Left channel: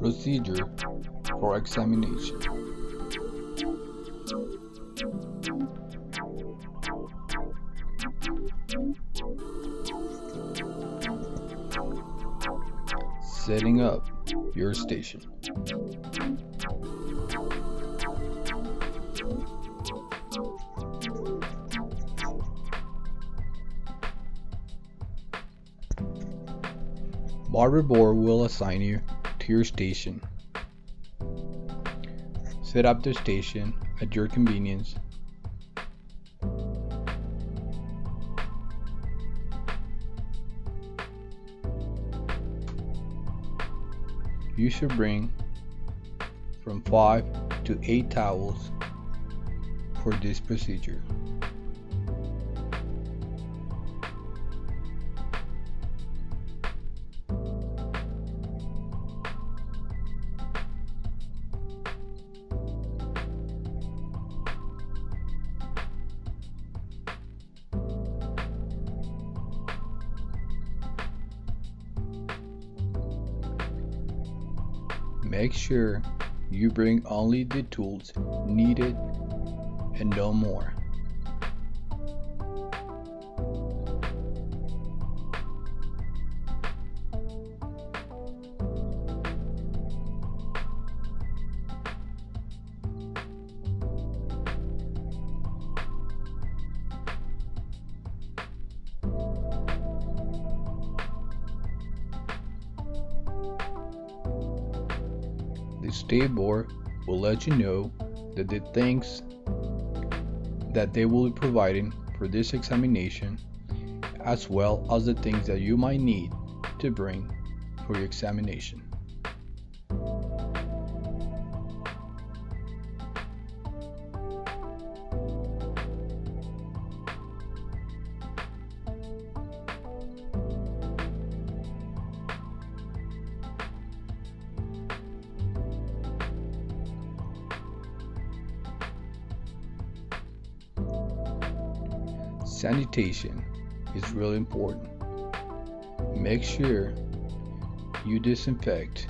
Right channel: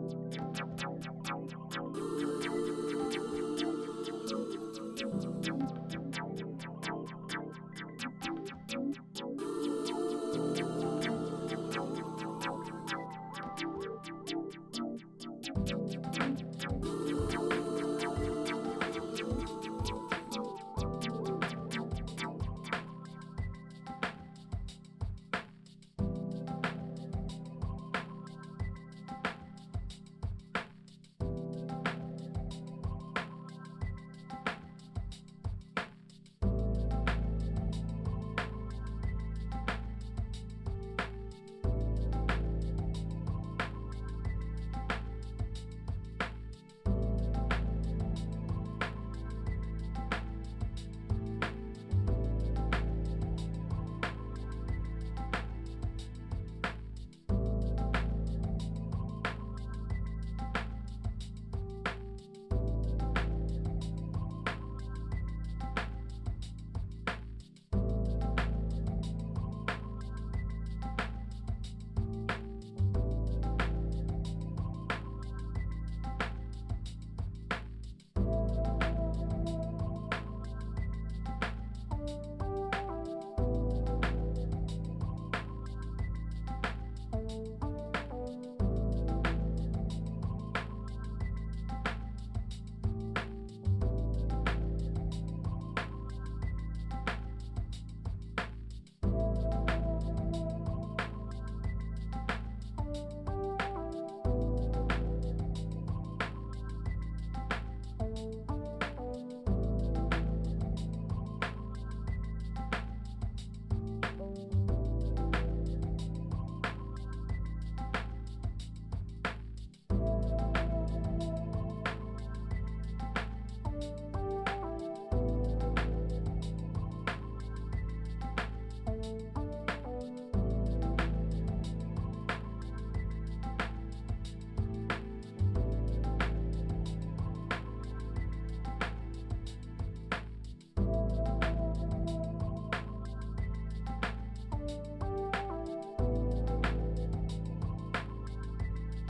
Procedure for examination. Setting up your station. Barber Board will assign you to your station. Set up the station at your convenience. You should bring from 5 to 8 towels for this procedure. Make sure you bring only the tools needed and no more. The State Board will let you know that the things that they will be providing for this examination, as well as the things that you might need to bring for your examination. Sanitation is really important. Make sure you disinfect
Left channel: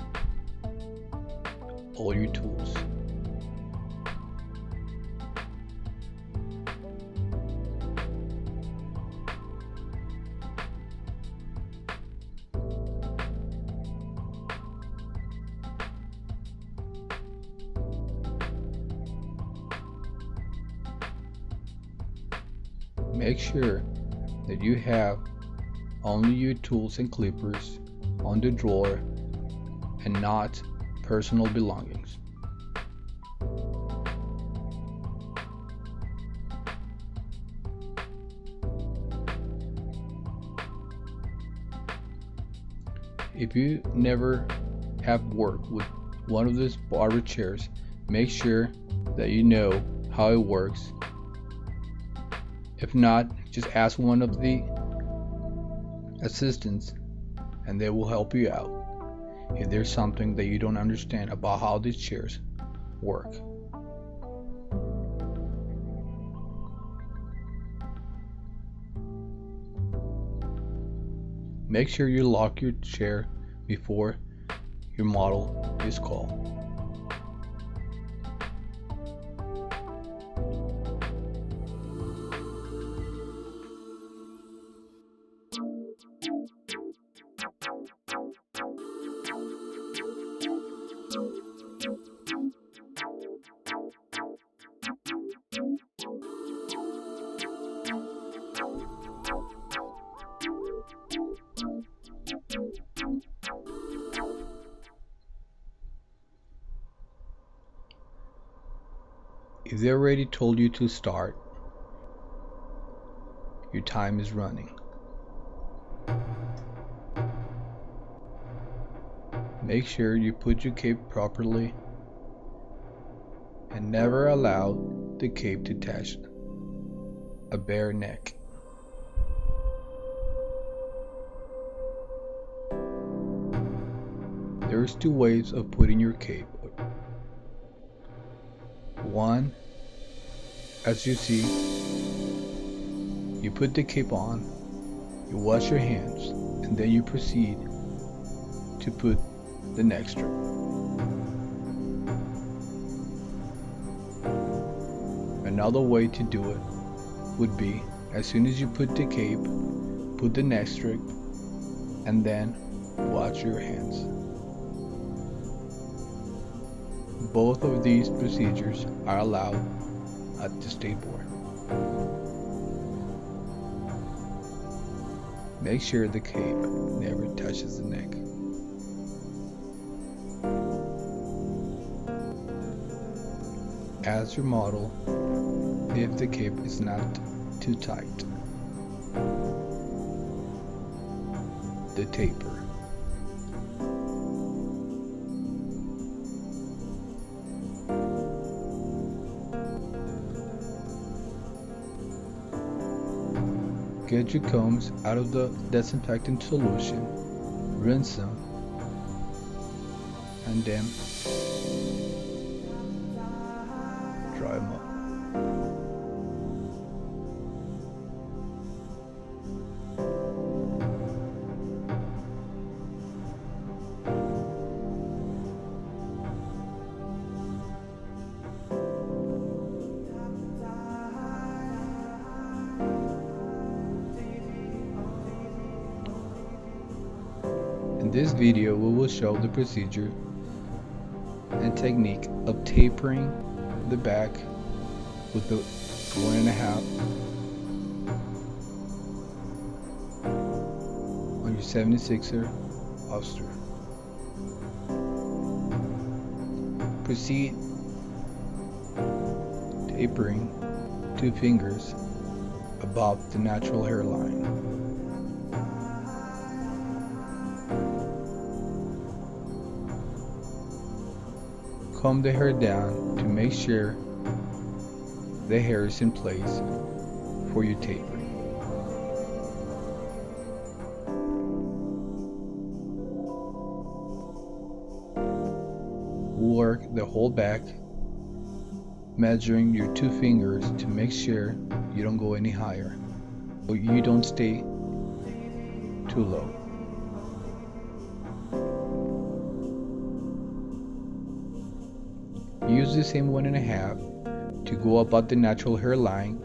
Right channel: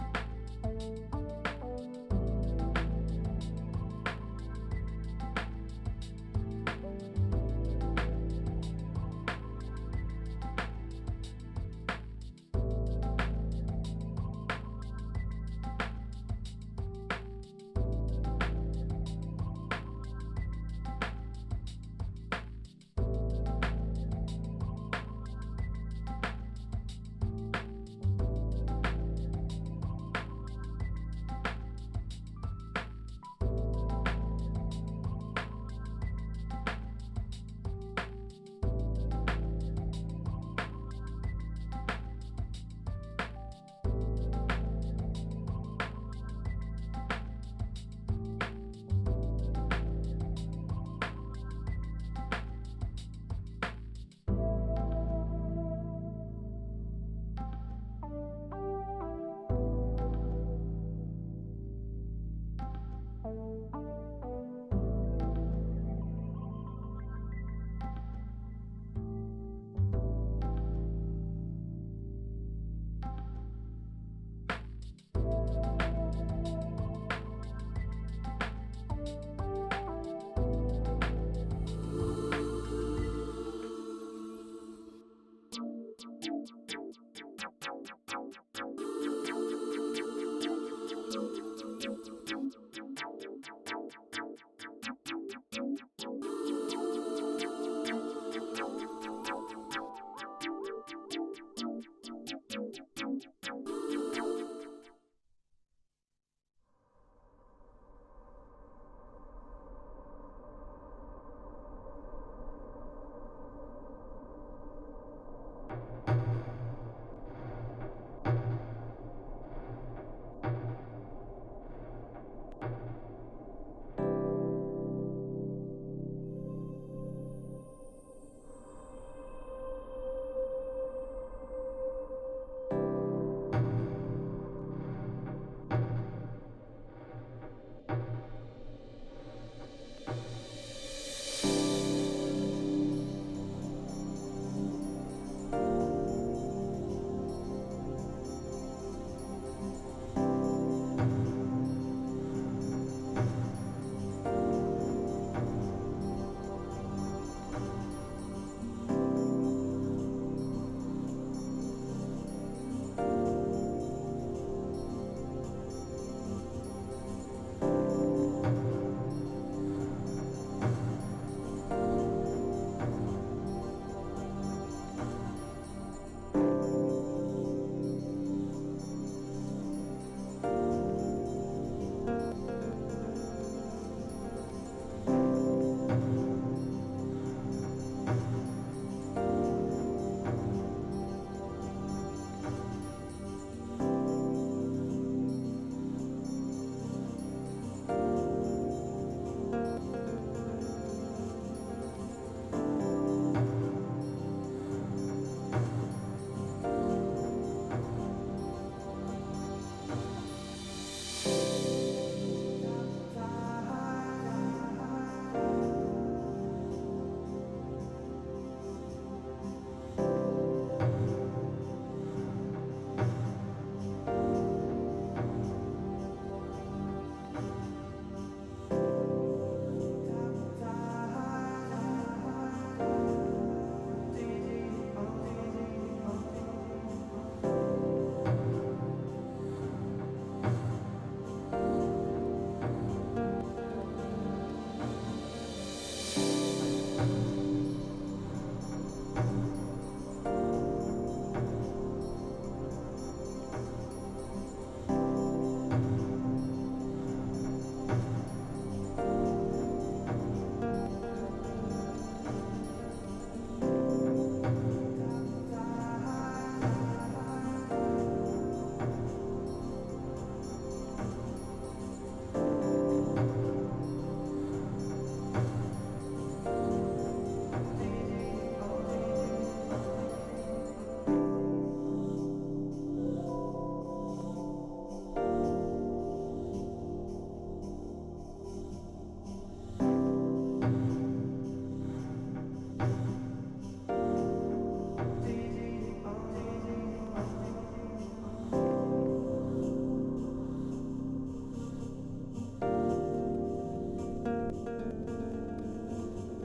all your tools. Make sure that you have only your tools and clippers on the drawer and not personal belongings. If you never have worked with one of these barber chairs, make sure that you know how it works. If not, just ask one of the assistants and they will help you out if there's something that you don't understand about how these chairs work. Make sure you lock your chair before your model is called. If they already told you to start, your time is running. Make sure you put your cape properly and never allow the cape to touch a bare neck. There's two ways of putting your cape. One, as you see, you put the cape on, you wash your hands, and then you proceed to put the neck strip. Another way to do it would be, as soon as you put the cape, put the neck strip, and then wash your hands. Both of these procedures are allowed at the State Board. Make sure the cape never touches the neck. As your model, if the cape is not too tight. The taper. Get your combs out of the disinfectant solution, rinse them, and then dry them up. In this video, we will show the procedure and technique of tapering the back with the 1.5 on your 76er holster. Proceed tapering 2 fingers above the natural hairline. Comb the hair down to make sure the hair is in place for your tapering. Work the whole back, measuring your 2 fingers to make sure you don't go any higher or you don't stay too low. Use the same 1.5 to go about the natural hairline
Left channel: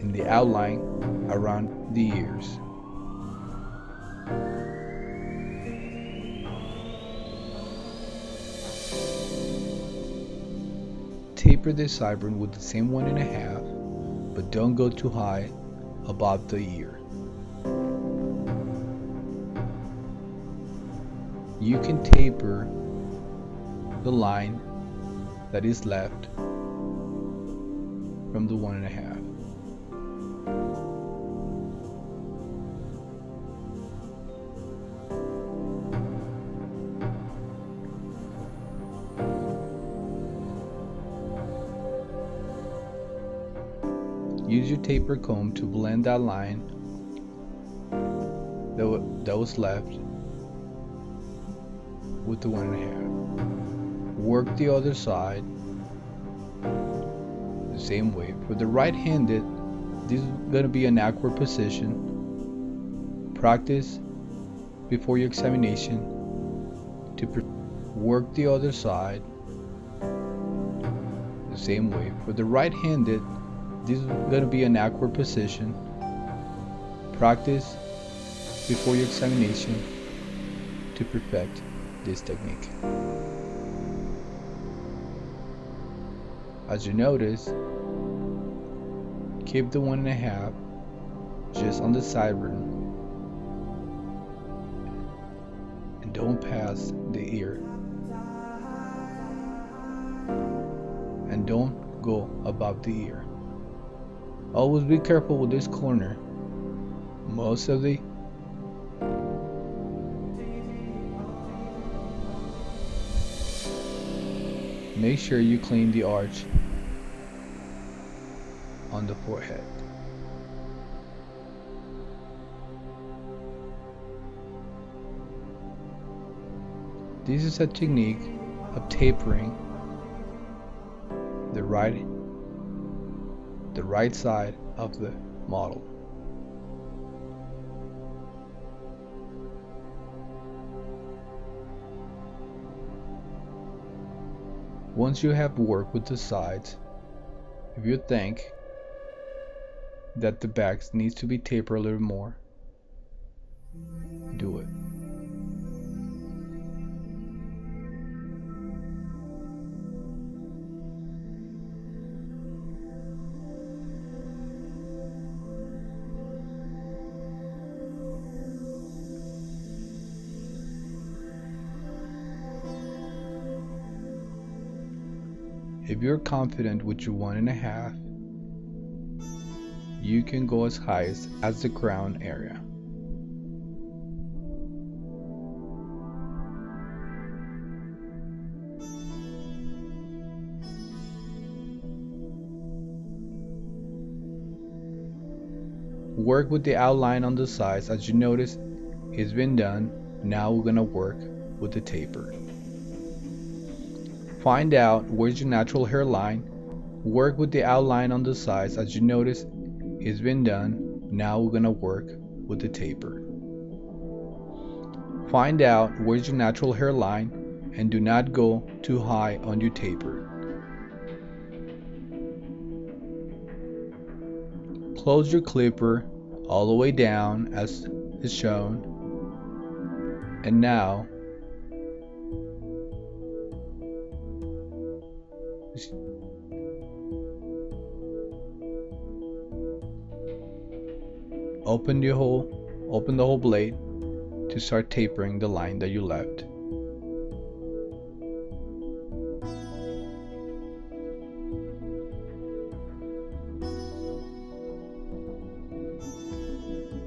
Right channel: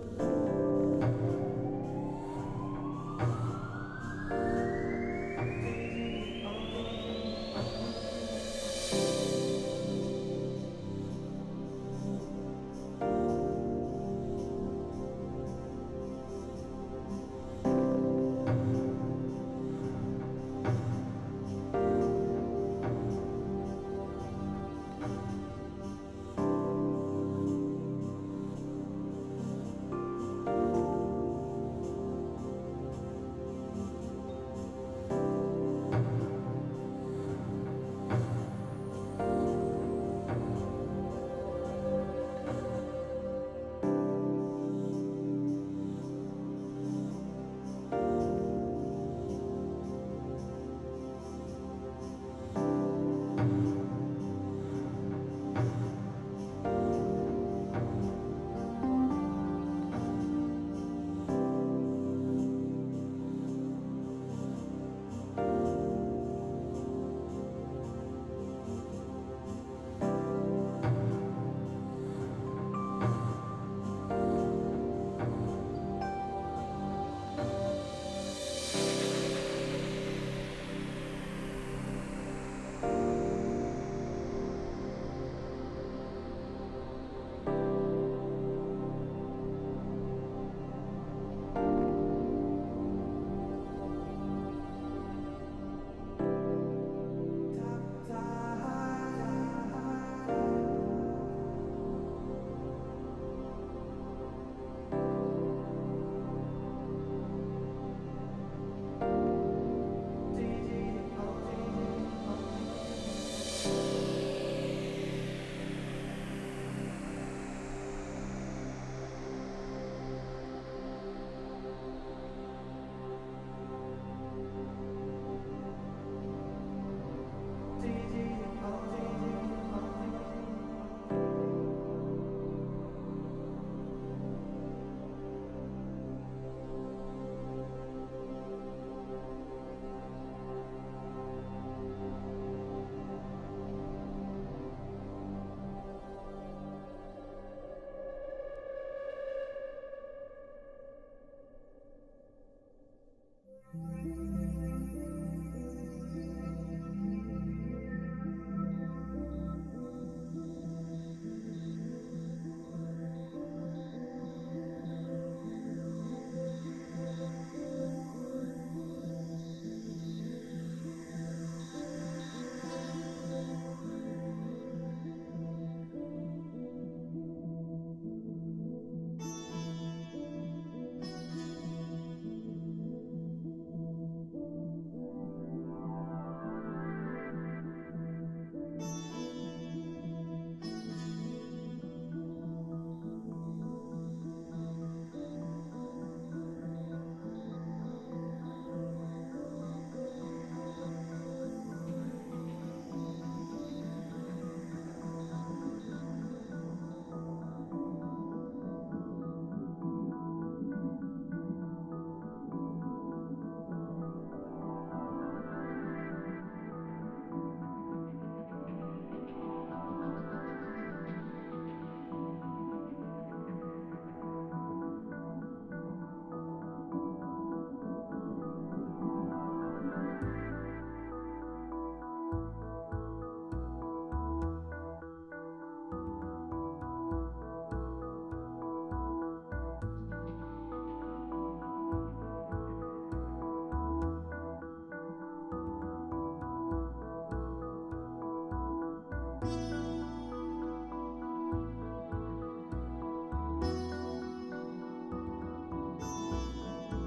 and the outline around the ears. Taper the sideburn with the same 1.5, but don't go too high above the ear. You can taper the line that is left from the 1.5. Use your taper comb to blend that line that was left with the 1.5. Work the other side the same way. For the right-handed, this is going to be an awkward position. Practice before your examination to work the other side the same way. For the right-handed, this is going to be an awkward position. Practice before your examination to perfect this technique. As you notice, keep the 1.5 just on the sideburn and don't pass the ear, and don't go above the ear. Always be careful with this corner. Most of the make sure you clean the arch on the forehead. This is a technique of tapering the right side of the model. Once you have worked with the sides, if you think that the backs needs to be tapered a little more, do it. If you're confident with your 1.5, you can go as high as the crown area. Work with the outline on the sides. As you notice, it's been done. Now we're gonna work with the taper. Find out where's your natural hairline. Work with the outline on the sides. As you notice, it's been done. Now we're gonna work with the taper. Find out where's your natural hairline and do not go too high on your taper. Close your clipper all the way down as is shown. And now open the whole blade to start tapering the line that you left.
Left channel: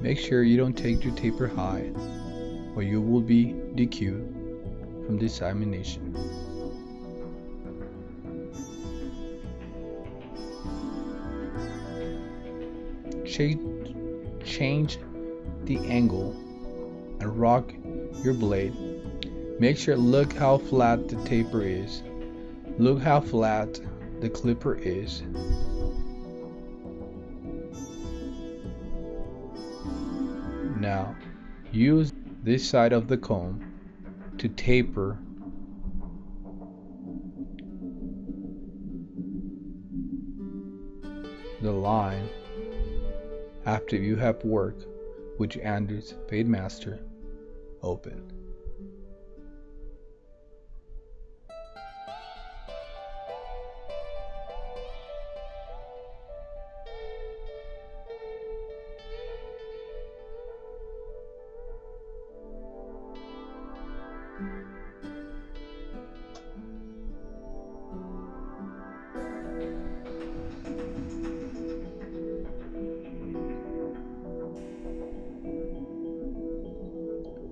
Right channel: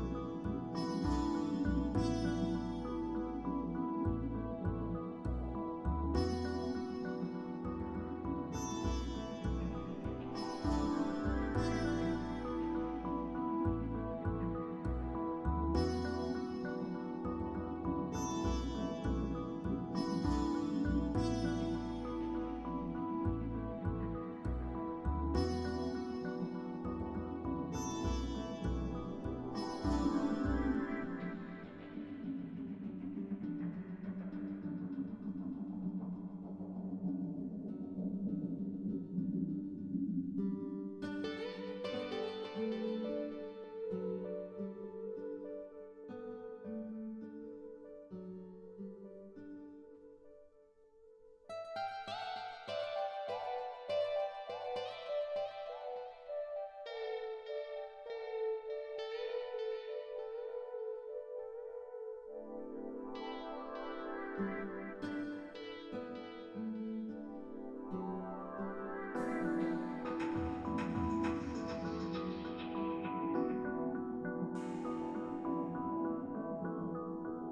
Make sure you don't take your taper high or you will be DQ'd from the examination. Change the angle and rock your blade. Make sure look how flat the taper is. Look how flat the clipper is. Now use this side of the comb to taper the line after you have worked with your Anders Fade Master open.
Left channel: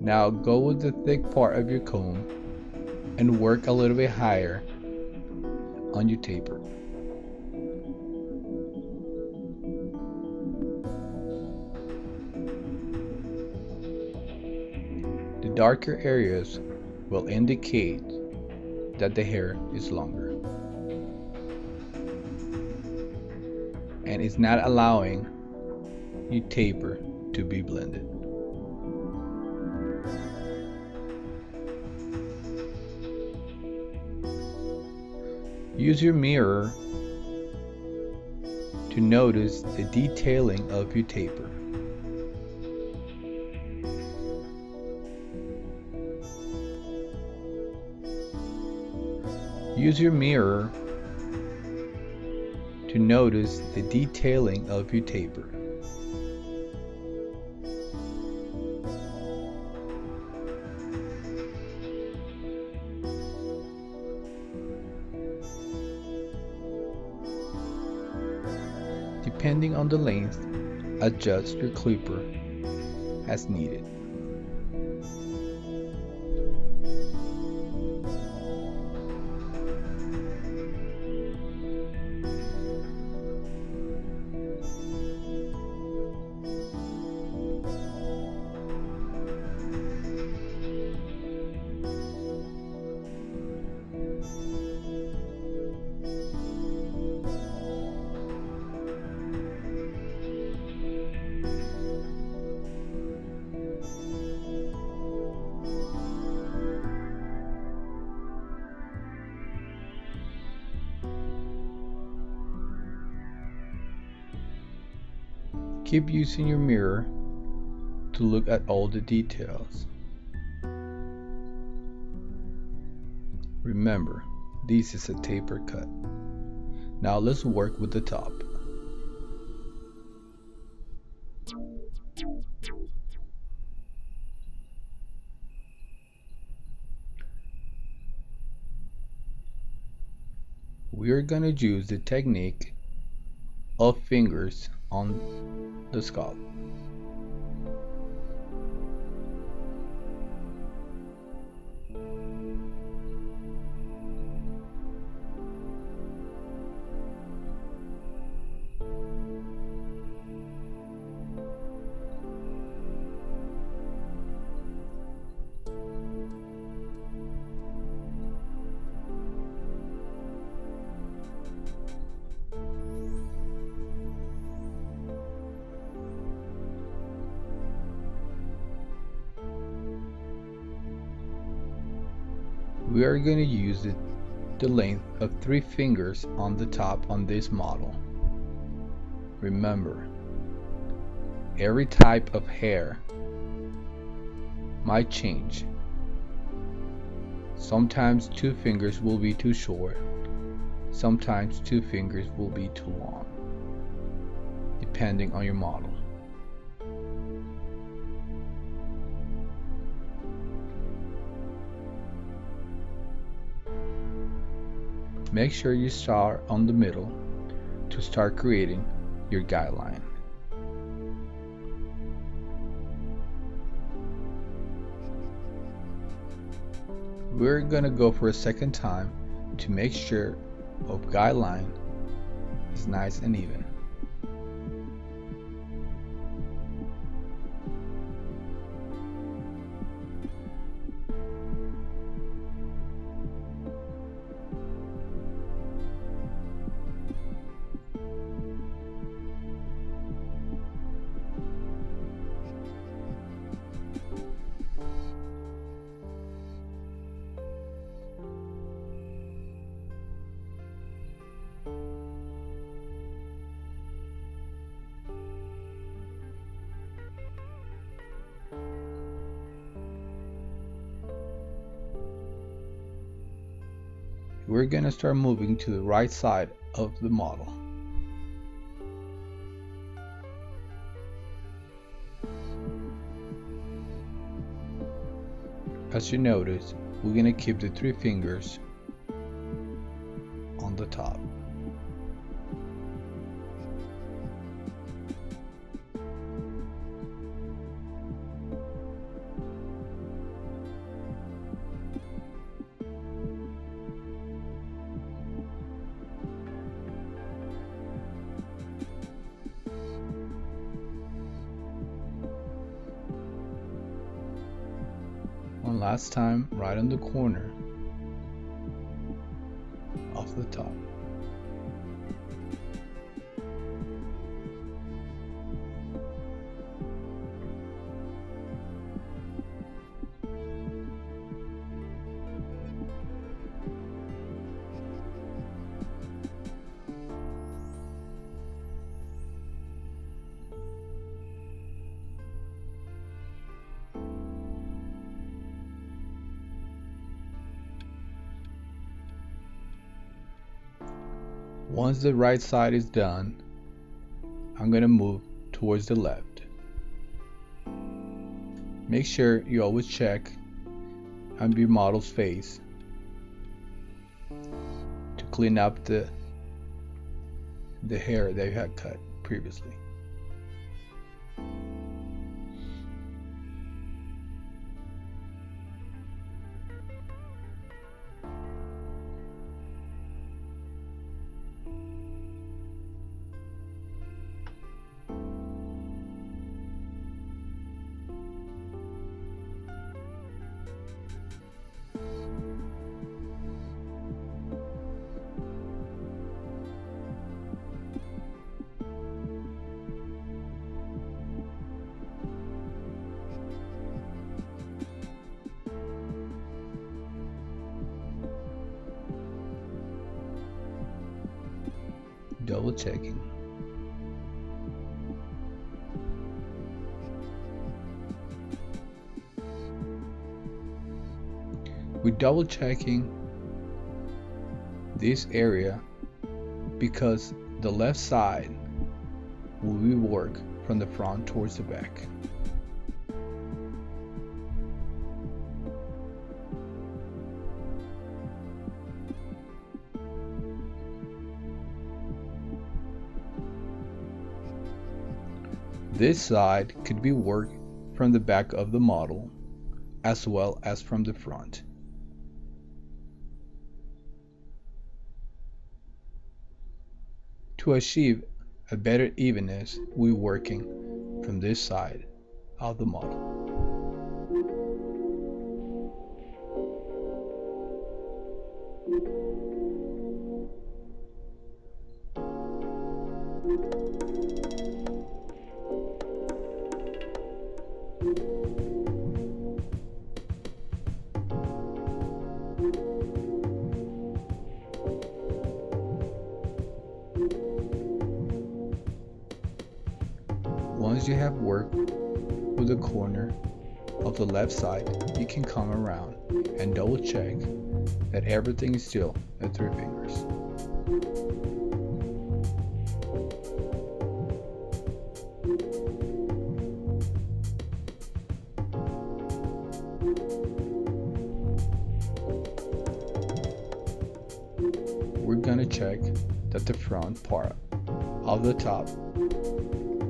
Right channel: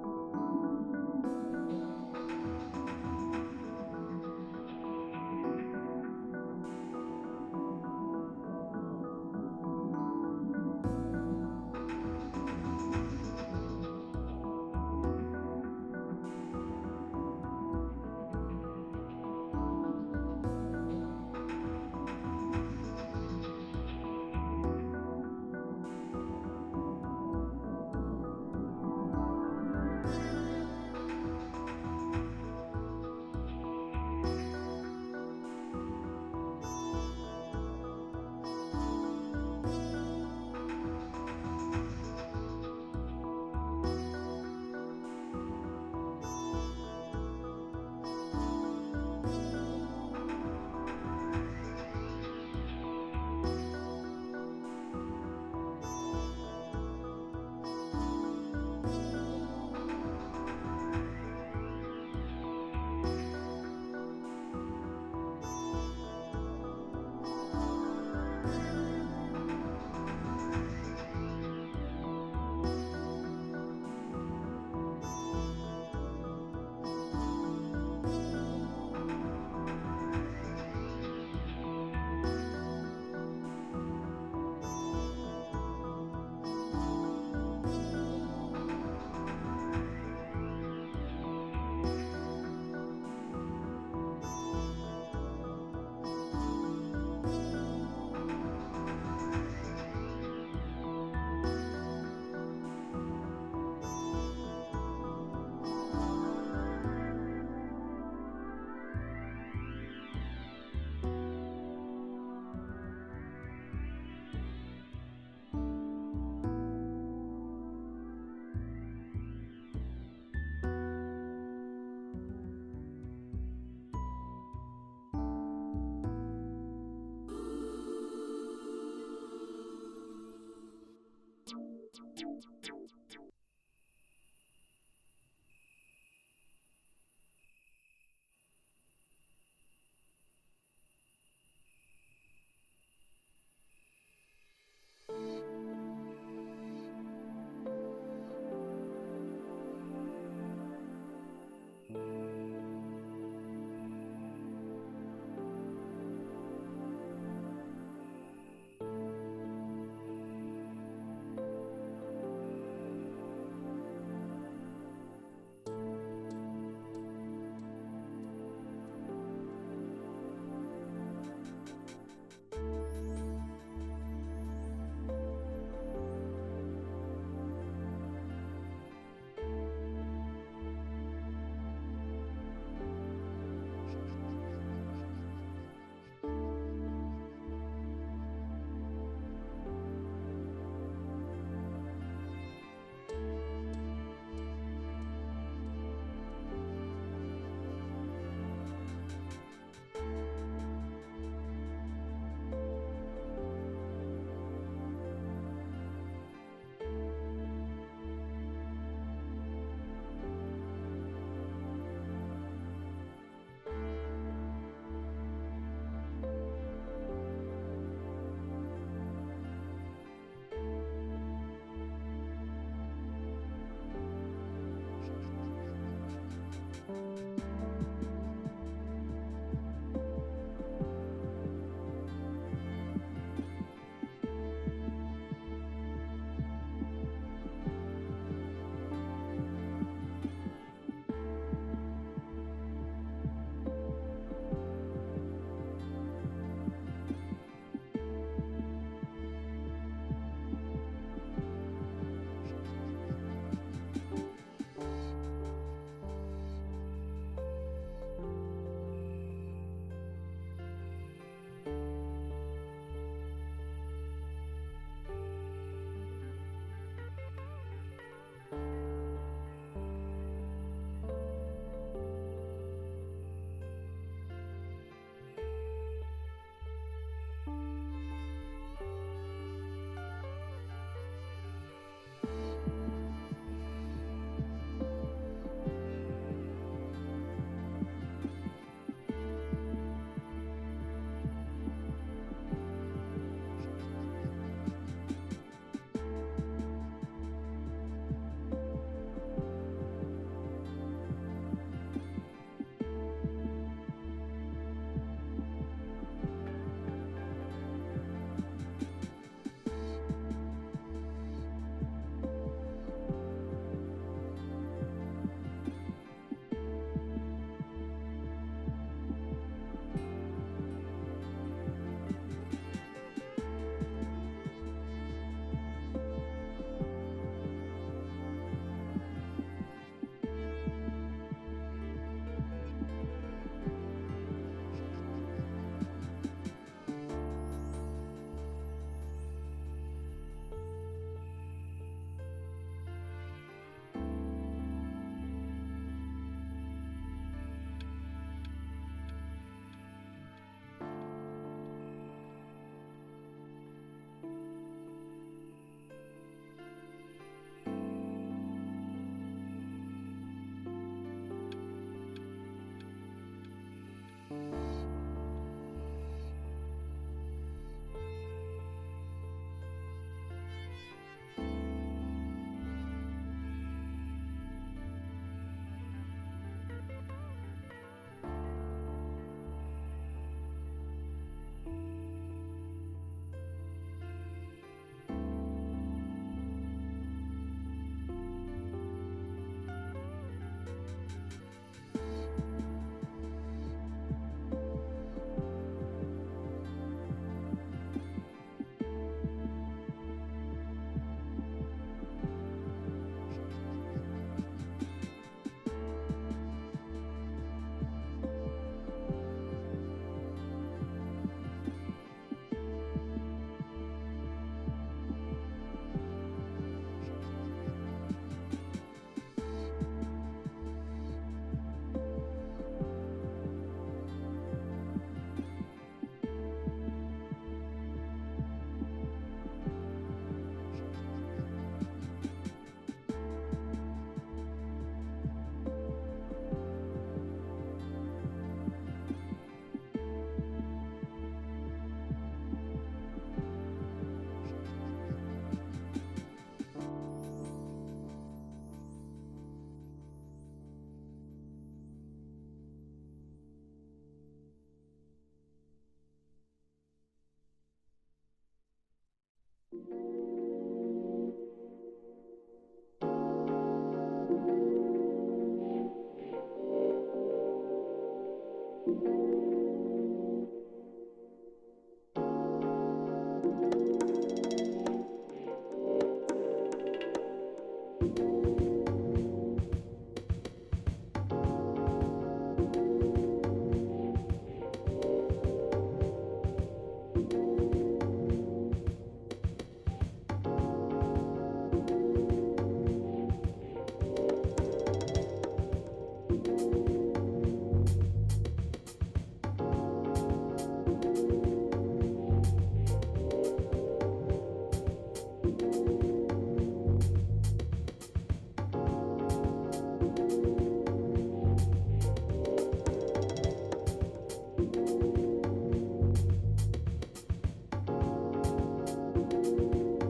Now go with the thick part of your comb and work a little bit higher on your taper. The darker areas will indicate that the hair is longer and is not allowing your taper to be blended. Use your mirror to notice the detailing of your taper. Use your mirror to notice the detailing of your taper. Depending on the length, adjust your clipper as needed. Keep using your mirror to look at all the details. Remember, this is a taper cut. Now let's work with the top. We are going to use the technique of fingers on the scalp. We are going to use the length of 3 fingers on the top on this model. Remember, every type of hair might change. Sometimes 2 fingers will be too short, sometimes 2 fingers will be too long, depending on your model. Make sure you start on the middle to start creating your guideline. We're gonna go for a second time to make sure our guideline is nice and even. We're gonna start moving to the right side of the model. As you notice, we're gonna keep the 3 fingers on the top. One last time, right on the corner of the top. Once the right side is done, I'm going to move towards the left. Make sure you always check on your model's face to clean up the hair that you had cut previously. Double checking. We're double checking this area because the left side will be work from the front towards the back. This side could be worked from the back of the model as well as from the front. To achieve a better evenness, we're working from this side of the model. Once you have worked with the corner of the left side, you can come around and double check that everything is still at 3 fingers. We're gonna check that the front part of the top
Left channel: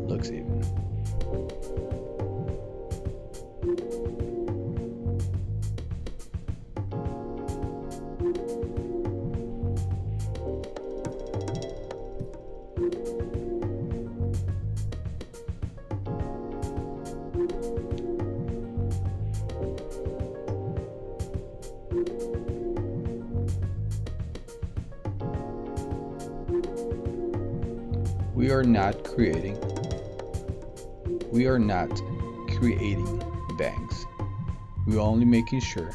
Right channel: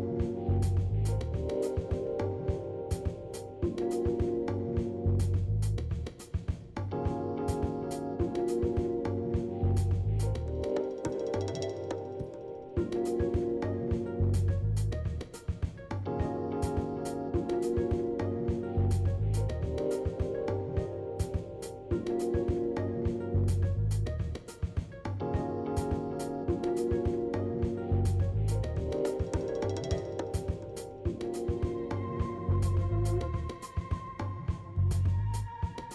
looks even. We are not creating bangs. We're only making sure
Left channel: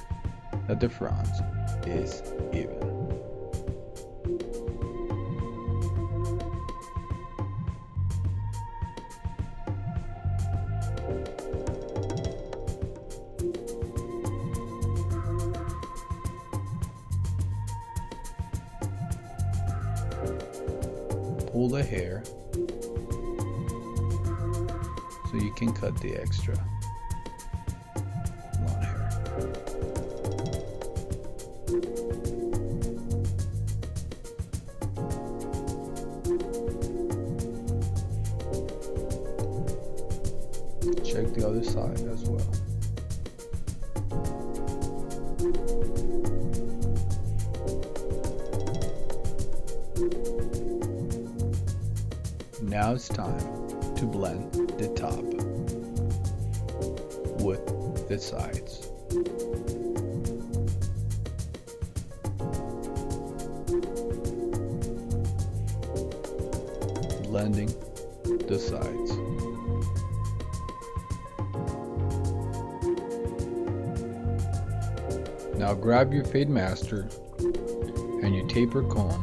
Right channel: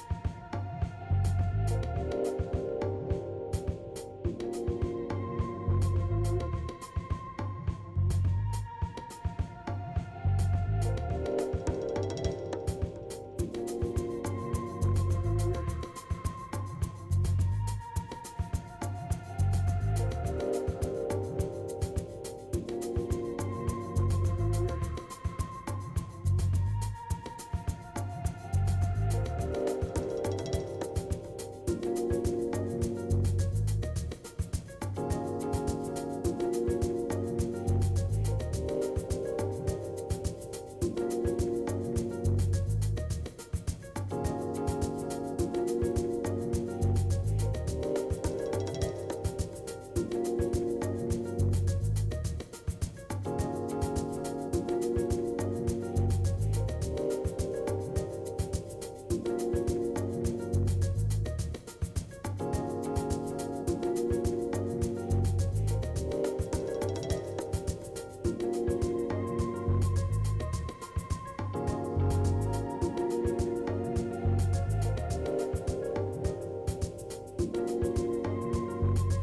that the front is even. Pull the hair so you can cut the extra long hair. Check the other side as well. Now it's time to blend the top with the sides. Blending the sides. Now grab your fade master and your taper comb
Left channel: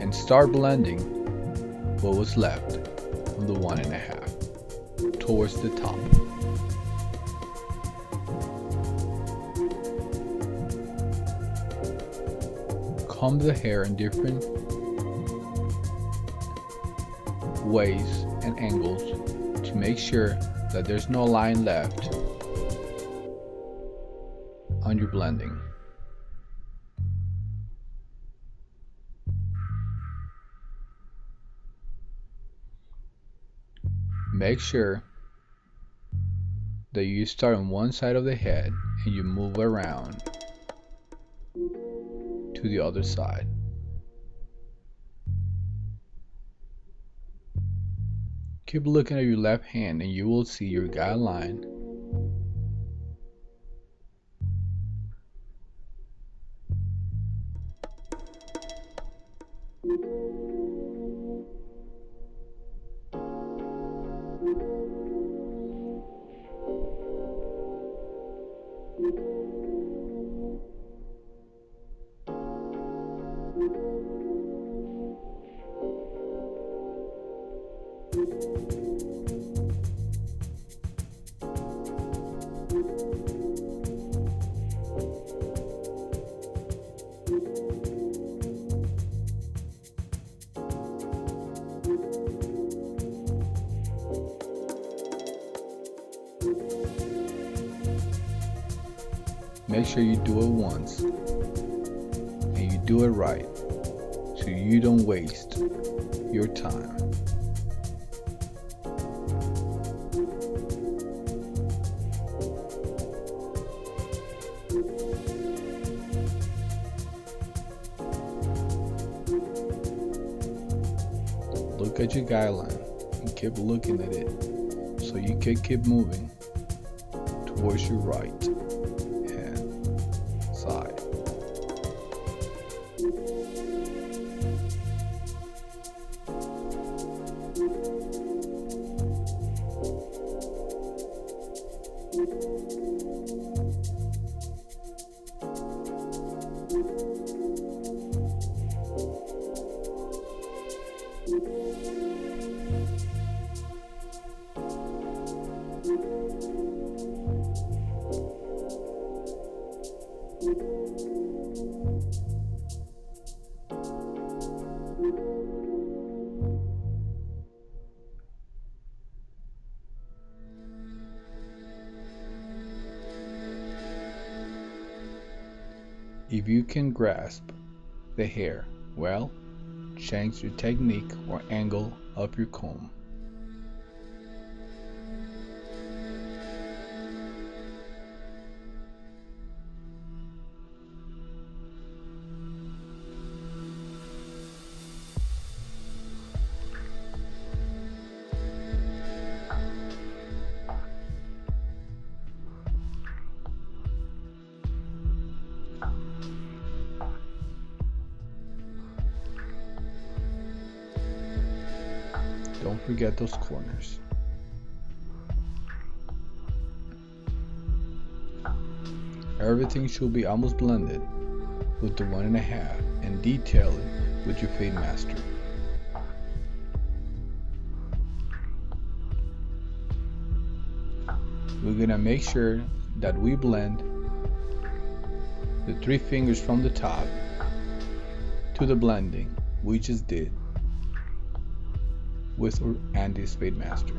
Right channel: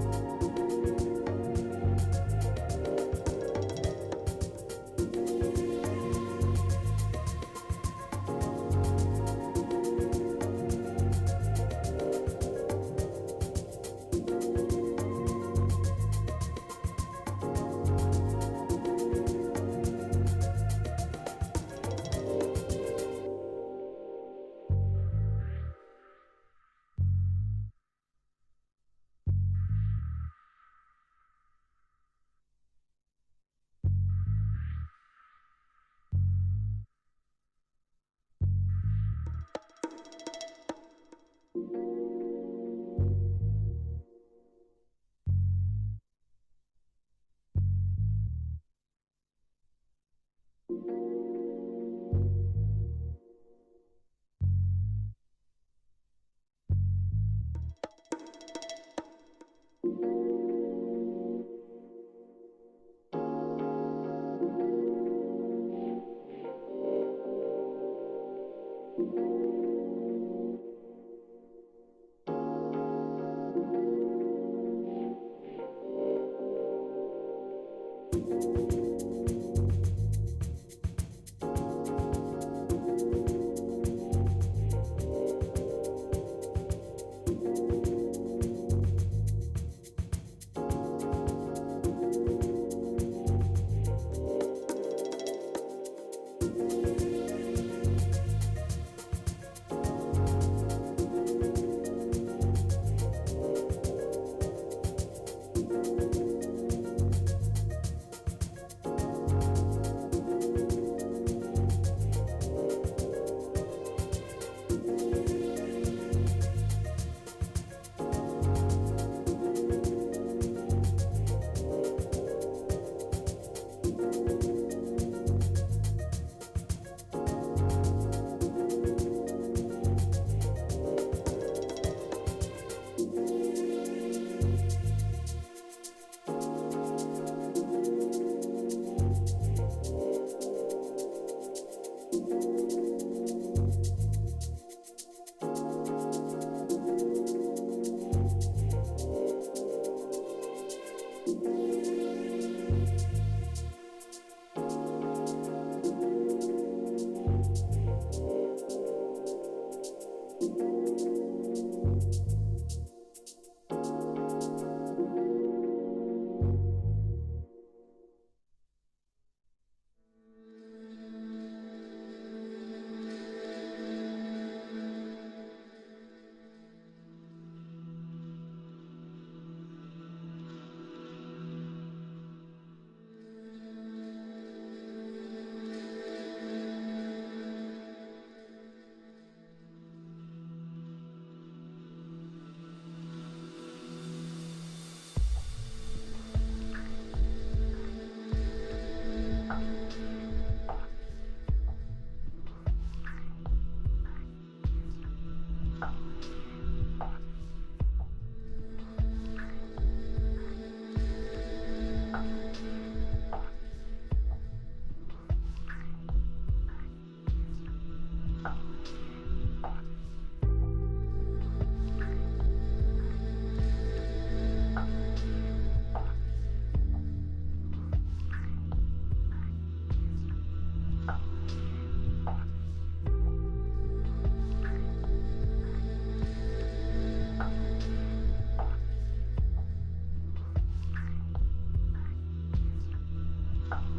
and start blending what was left from the 1.5 towards the top. Comb the hair in different ways and angles to make sure that there's no line left on your blending. Make sure that you start on one side of the head and you move around to the other side. Keep looking at your left hand and you will see your guideline Make sure you do it once and you do it right so you don't waste your time. Look at your guideline and keep looking at it so you can keep moving towards your right hand side. If you can grasp the hair well, change your technique or angle of your comb. Don't forget those corners. Everything should be almost blended with the 1.5 and detail it with your fade master. We're gonna make sure that we blend the 3 fingers from the top to the blending we just did with Andy's Fade Master.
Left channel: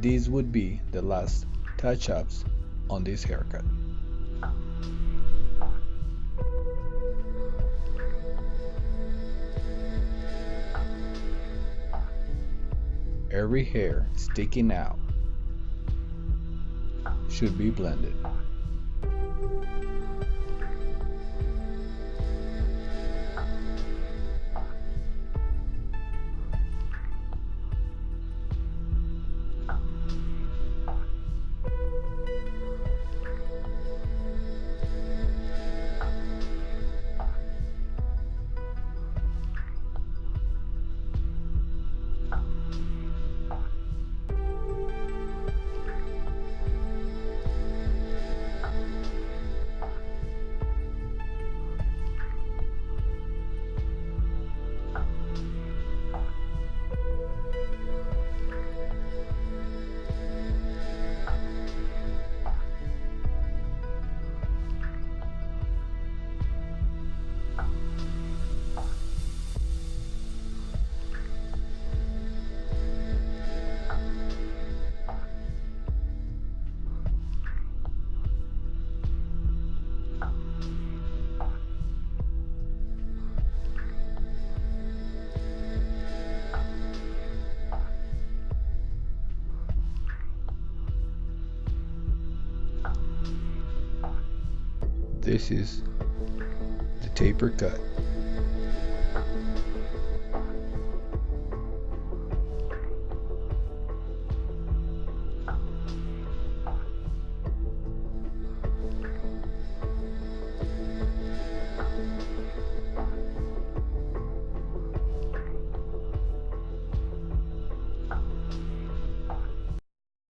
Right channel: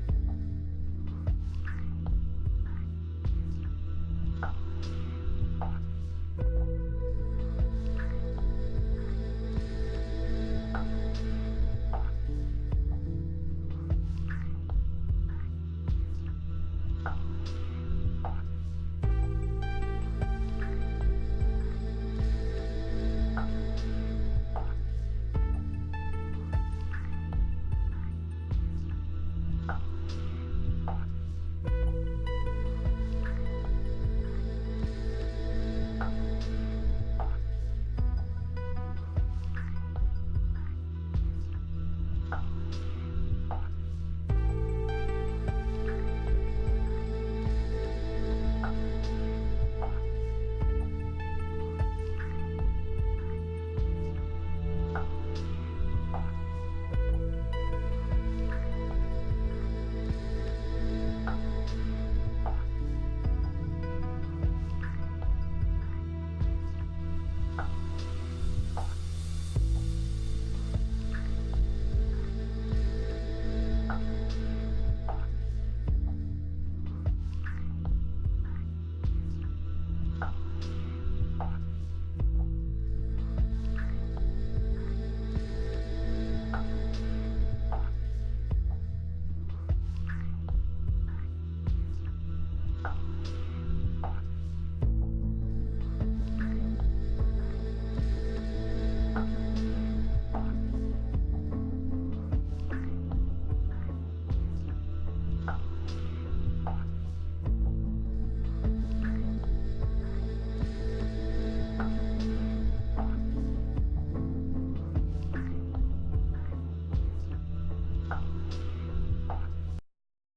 These would be the last touch-ups on this haircut. Every hair sticking out should be blended. This is the taper cut.